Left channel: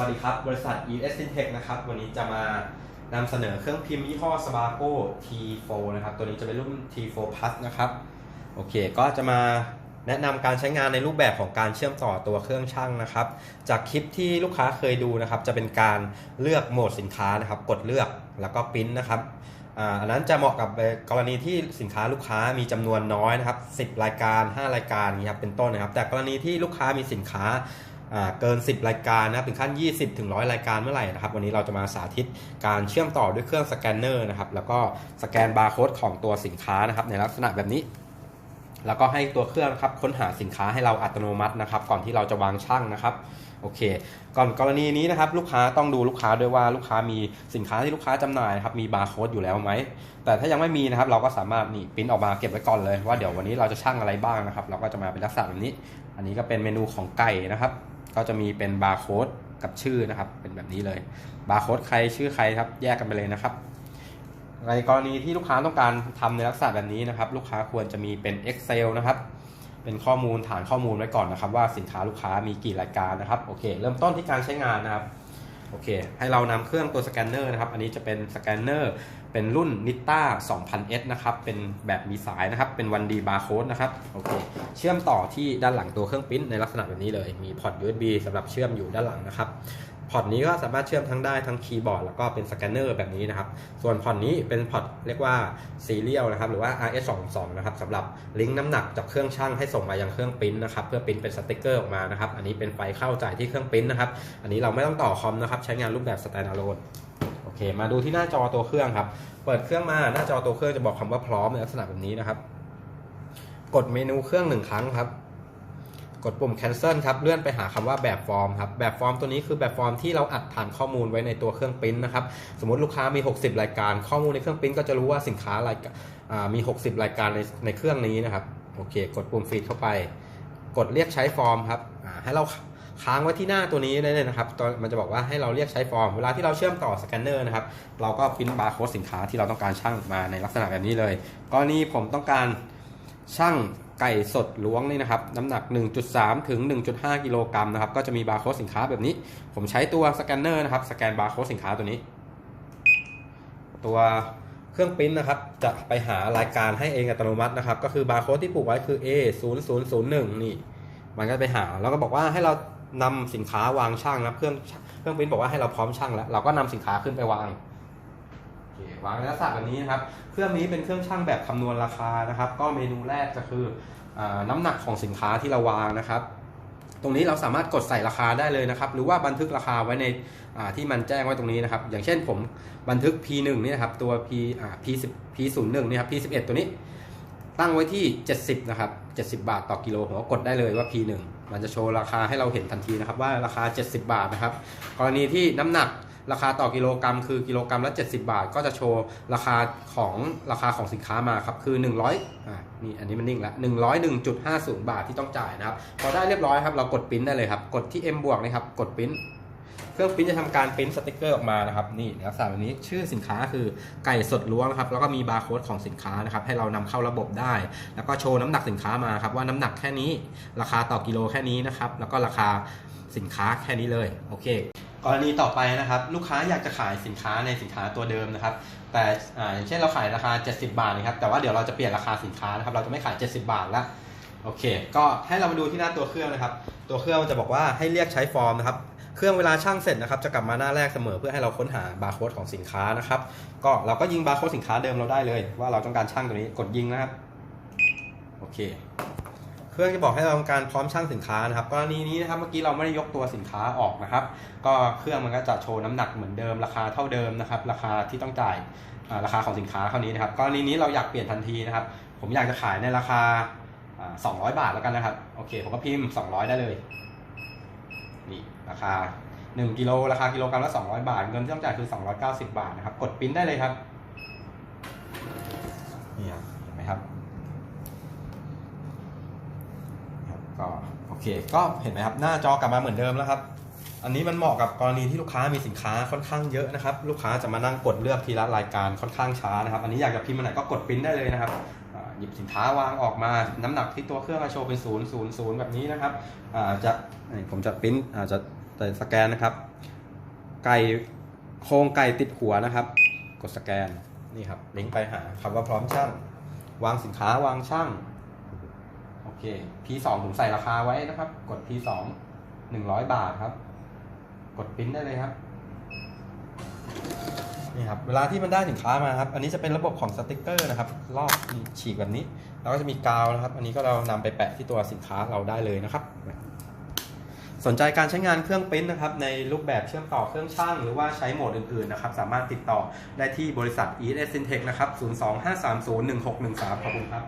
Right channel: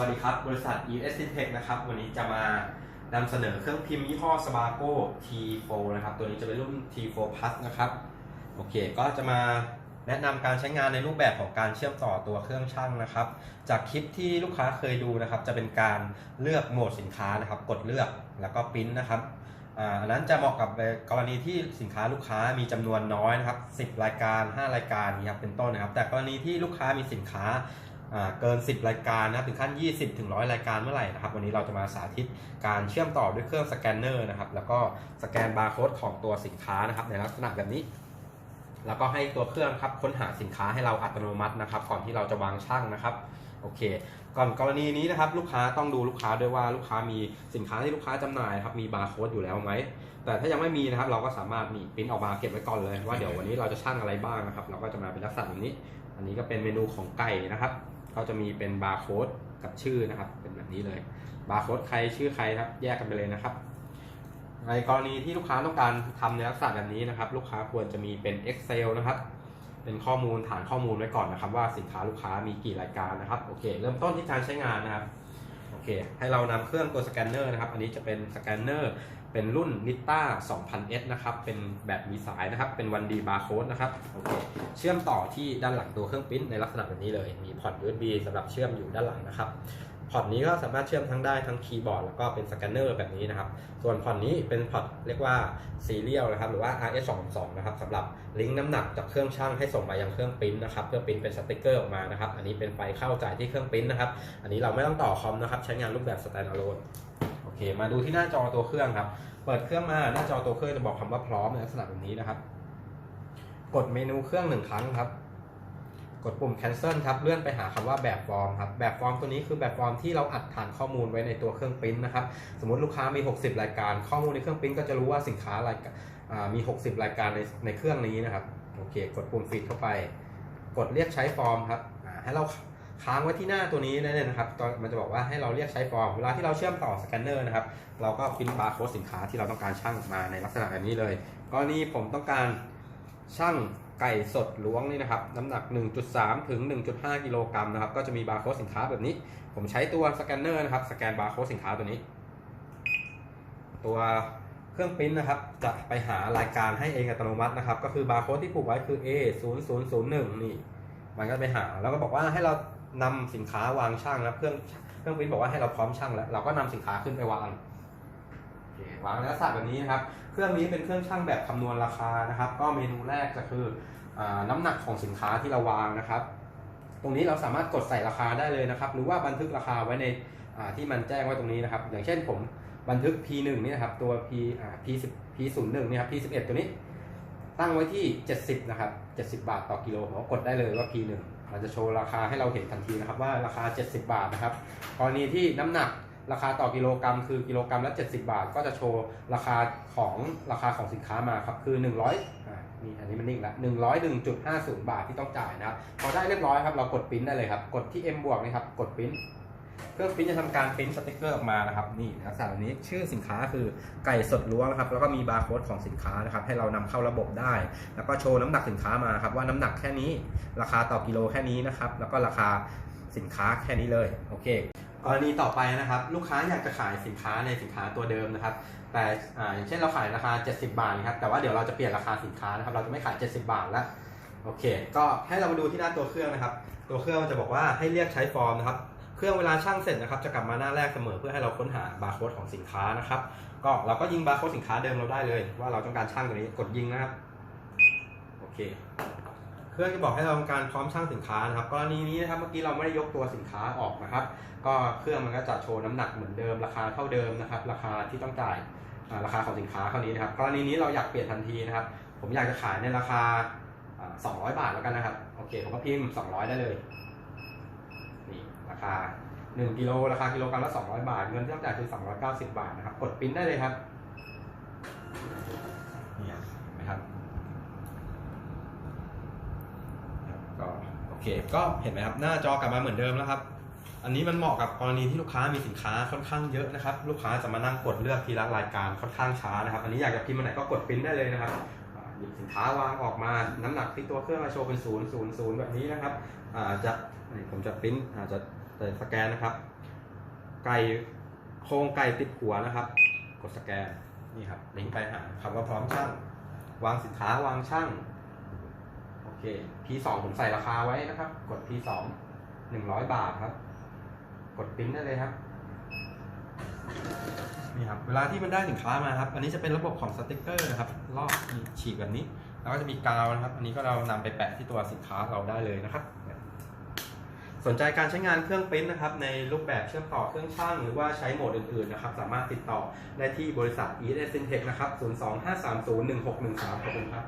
วัสดีครับ บริษัท ES InTech นะครับ วันนี้จะมานำเสนอเครื่องพิมพ์ยี่ห้อ Sparko T4 นะครับ ตัวนี้จะเป็นรุ่น T4 Plus นะครับ โอเค ก็จะมาแนะนำการใช้งานในรูปแบบของการเชื่อมต่อตัวเครื่องช่างนะครับ จากคลิปที่ลูกค้าเคยดูนะครับ จะเป็นการเลือกโหมดสินค้านะครับ กดเลือกแล้วก็ปริ้นนะครับอันนั้นจะเหมาะกับกรณีที่สินค้าลูกค้ามีจำนวนน้อยนะครับ 10 รายการ 5 รายการนี้ครับเป็นต้นนะครับ แต่กรณีที่ลูกค้ามีสินค้า เกิน 10 รายการนะครับถึงขั้น 20 ถึง 100 รายการเมื่อไหร่นะครับ วันนี้เราจะมาสาธิตการเชื่อมต่อด้วยเครื่องสแกนเนอร์นะครับ แล้วก็สแกนบาร์โค้ดของตัวสินค้านะครับในลักษณะแบบนี้ แล้วก็ให้ตัวเครื่องครับค้นหาสินค้าให้เราอัตโนมัตินะครับ ก่อนที่เราจะวางช่างนะครับโอเค ก่อนกรณีนี้นะครับลูกค้าต้องดูลูกค้าด้วยว่าลูกค้ามีสินค้าที่ลูกค้าจำหน่ายครับมีบาร์โค้ดอยู่แล้วไหม แต่ถ้ายังไม่มีนะครับเราก็สามารถนี่ปริ้นออกมาเก็บไว้ก่อนเลยว่าเดี๋ยววันนี้เราจะช่างอะไรบ้างนะครับ เราก็จะมาเป็นลักษณะแบบนี้ อันนี้ก็เป็นเมนูของไก่นะครับ ก็จะมีเป็นบาร์โค้ดกับชื่อนะครับ เป็นแบบนี้เลยบาร์โค้ดใครชื่อใครครับ แยกกันไปเลยนะครับ ในกรณีที่ลูกค้าต้องการทำในลักษณะแบบนี้นะครับ ลูกค้าควรจะมีเป็น Excel นะครับ เป็นข้อมูลฐานข้อมูลไว้ก่อนนะครับ ว่าสินค้าลูกค้ามีกี่รายการนะครับโอเค เริ่มต้นที่การใช้งานนะครับ โอเค ให้เรานำเครื่องตัวสแกนเนอร์นะครับ อันนี้จะเป็นสแกนเนอร์เป็นรุ่น Nita 2000S นะครับ เป็นแบบมีสายนะครับ เป็นวันดีบาร์โค้ดนะครับ โอเค เชื่อมต่อที่ด้านหลังตัวเครื่องปริ้นในลักษณะแบบนี้เลย มีพอร์ต USB สำหรับเชื่อมอยู่ด้านหลังนะครับ พอร์ตนี้ก็สามารถเชื่อมทั้งได้ทั้งคีย์บอร์ดแล้วก็เป็นสแกนเนอร์แบบนี้นะครับ ส่วนพอร์ตนี้เป็นพอร์ตเรียกว่าซีเรียลนะครับหรือว่า RS22 นะครับสำหรับลิงก์น้ำหนักจากเครื่องช่างให้ส่งมายังเครื่องปริ้นนะครับเพื่อปริ้นเป็นสติกเกอร์ออกมานะครับ อันนี้เป็นไฟเข้าจ่ายที่เครื่องปริ้นนะครับ อันนี้เราไม่ต้องต่อคอมนะครับใช้งานรูปแบบ standalone โอเค มาดูที่หน้าจอตัวเครื่องครับ เปิดเครื่องมาหน้าจอตัวเครื่องจะบอกคำว่าพร้อมในลักษณะแบบนี้นะครับ กดเมนูเครื่องหนึ่งครั้งครับ กดปุ่ม cancel ครับ เลื่อนไปหาคำว่าแบบฟอร์มครับ แบบฟอร์มตัวนี้คือแบบฟอร์มที่เราอัดฐานข้อมูลไว้ในตัวเครื่องปริ้นนะครับ สมมติลูกค้ามี 60 รายการ ข้อมูลในเครื่องปริ้นก็จะรู้ว่าสินค้ารายการมี 60 รายการในในเครื่องนี้นะครับ โอเค กดปุ่มฟีดเข้าไป กดเรียกใช้ฟอร์มครับ ให้เราค้างไว้ที่หน้าตัวนี้เลยนะครับตอนมันจะบอกว่าให้เราเรียกใช้ฟอร์ม เวลาที่เราเชื่อมต่อสแกนเนอร์นะครับ เราก็พิมพ์บาร์โค้ดสินค้าที่เราต้องการช่างมาในลักษณะแบบนี้เลย กรณีผมต้องการ ช่างไก่สดล้วงนี่นะครับน้ำหนัก 1.3 ถึง 1.5 กิโลกรัมนะครับก็จะมีบาร์โค้ดสินค้าแบบนี้ ผมใช้ตัวสแกนเนอร์นะครับสแกนบาร์โค้ดสินค้าตัวนี้ ตัวเครื่องปริ้นนะครับจะไปหารายการให้เองอัตโนมัตินะครับ ก็คือบาร์โค้ดที่ผูกไว้คือ A 0 0 0 1นี่ มันก็ไปหาแล้วก็บอกว่าให้เรานำสินค้าวางช่างนะครับเครื่องเครื่องปริ้นบอกว่าให้เราพร้อมช่างแล้วเราก็นำสินค้าขึ้นไปวาง เควางในลักษณะแบบนี้นะครับ เครื่องนี้เป็นเครื่องช่างแบบคำนวณราคานะครับ ก็เมนูแรกจะคืออน้ำหนักของสินค้าที่เราวางนะครับ ตรงนี้เราสามารถกดใส่ราคาได้เลยนะครับ หรือว่าบันทึกราคาไว้ในที่มันแจ้งไว้ตรงนี้นะครับ อย่างเช่นผมบันทึก P1 นี่นะครับ ตัว P P10 P01 นี่ครับ P11 ตัวนี้ ตั้งไว้ที่ 70 นะครับ 70 บาทต่อกิโลผมก็กดได้เลยว่า P1 มันจะโชว์ราคาให้เราเห็นทันทีนะครับว่าราคา 70 บาทนะครับ กรณีที่น้ำหนัก ราคาต่อกิโลกรัมคือกิโลกรัมละ 70 บาท ก็จะโชว์ราคาของราคาของสินค้ามาครับคือ 100อ่านี่อันนี้มันนิ่งล้ว101.50 บาทที่ต้องจ่ายนะครับพอได้เรียบร้อยครับเรากดปิ้นได้เลยครับกดที่ M บวกนี่ครับกดปิ้นเครื่องปริ้นจะทำการปริ้นสติกเกอร์ออกมานะครับนี่ลักษณะแบบนี้ชื่อสินค้าคือไก่สดล้วงครับแล้วก็มีบาร์โค้ดของสินค้านะครับให้เรานำเข้าระบบได้ แล้วก็โชว์น้ำหนักสินค้ามาครับว่าน้ำหนักแค่นี้ ราคาต่อกิโลแค่นี้นะครับแล้วก็ราคาสินค้าแค่นี้เลยโอเค กรณีต่อไปนะครับ ลูกค้าอยากจะขายสินค้าในสินค้าตัวเดิมนะครับ แต่อ่าอย่างเช่นเราขายราคา 70 บาทนะครับแต่ว่าเดี๋ยวเราจะเปลี่ยนราคาสินค้านะครับ เราจะไม่ขาย 70 บาทแล้วโอเค ก็ให้เรามาดูที่หน้าตัวเครื่องนะครับ ตัวเครื่องมันจะบอกว่าให้เรียกใช้ฟอร์มนะครับเครื่องเวลาช่างเสร็จนะครับจะกลับมาหน้าแรกเสมอเพื่อให้เราค้นหาบาร์โค้ดของสินค้านะครับ ก็เราก็ยิงบาร์โค้ดสินค้าเดิมเราได้เลย ว่าเราต้องการช่างตัวนี้กดยิงนะครับโอเค เครื่อจะบอกให้เราทำการพร้อมช่างสินค้านะครับกรณีนี้นะครับเมื่อกี้เราไม่ได้ยกตัวสินค้าออกนะครับ ก็เครื่องมันก็จะโชว์น้ำหนักเหมือนเดิมราคาเท่าเดิมนะครับ ราคาที่ต้องจ่ายราคาของสินค้าเท่านี้นะครับกรณีนี้เราอยากเปลี่ยนทันทีนะครับ ผมอยากจะขายในราคา 200 บาทแล้วกันนะครับโอเคผมก็พิมพ์ 200 ได้เลยนี่ราคา 1กิโลราคากิโลกรัมละ200 บาท เงินที่ต้องจ่ายคือ 290 บาทนะครับ กดปิ้นได้เลยครับนี่ครับเห็นไหมครับ ครับก็โอ เคก็เห็นไหมครับหน้าจอกลับมาเหมือนเดิมแล้วครับ อันนี้มันเหมาะกับกรณีที่ลูกค้ามีสินค้าค่อนข้างเยอะนะครับ ลูกค้าจะมานั่งกดเลือกทีละรายการค่อนข้างช้านะครับ อันนี้อยากจะพิมพ์อันไหนก็กดปริ้นได้เลยนะครับหยิบสินค้าวางออกมาน้ำหนักที่ตัวเครื่องโชว์เป็นศูนย์ศูนย์ศูนย์แบบนี้นะครับอาจะผมจะปริ้นอาจจะแต่สแกนนะครับ ไก่โครงไก่ติดหัวนะครับ กดสแกนนี่ครับลิงก์ไปหาคำว่าพร้อมช่าง วางสินค้าวางช่าง เค P2 ผมใส่ราคาไว้นะครับ กด P2 100 บาทครับ กดปริ้นได้เลยครับนี่ครับ เวลาที่มันได้สินค้ามาครับ อันนี้จะเป็นระบบของสติกเกอร์นะครับ รอบฉีกแบบนี้ แล้วก็จะมีกาวนะครับ อันนี้ก็เรานำไปแปะที่ตัวสินค้าเราได้เลยนะครับ สนใจการใช้งานเครื่องปริ้นนะครับ ในรูปแบบเชื่อมต่อเครื่องช่าง หรือว่าใช้โหมดอื่นๆนะครับ สามารถติดต่อได้ที่บริษัท e s Syntech นะครับ 025301613 ขอบคุณครับ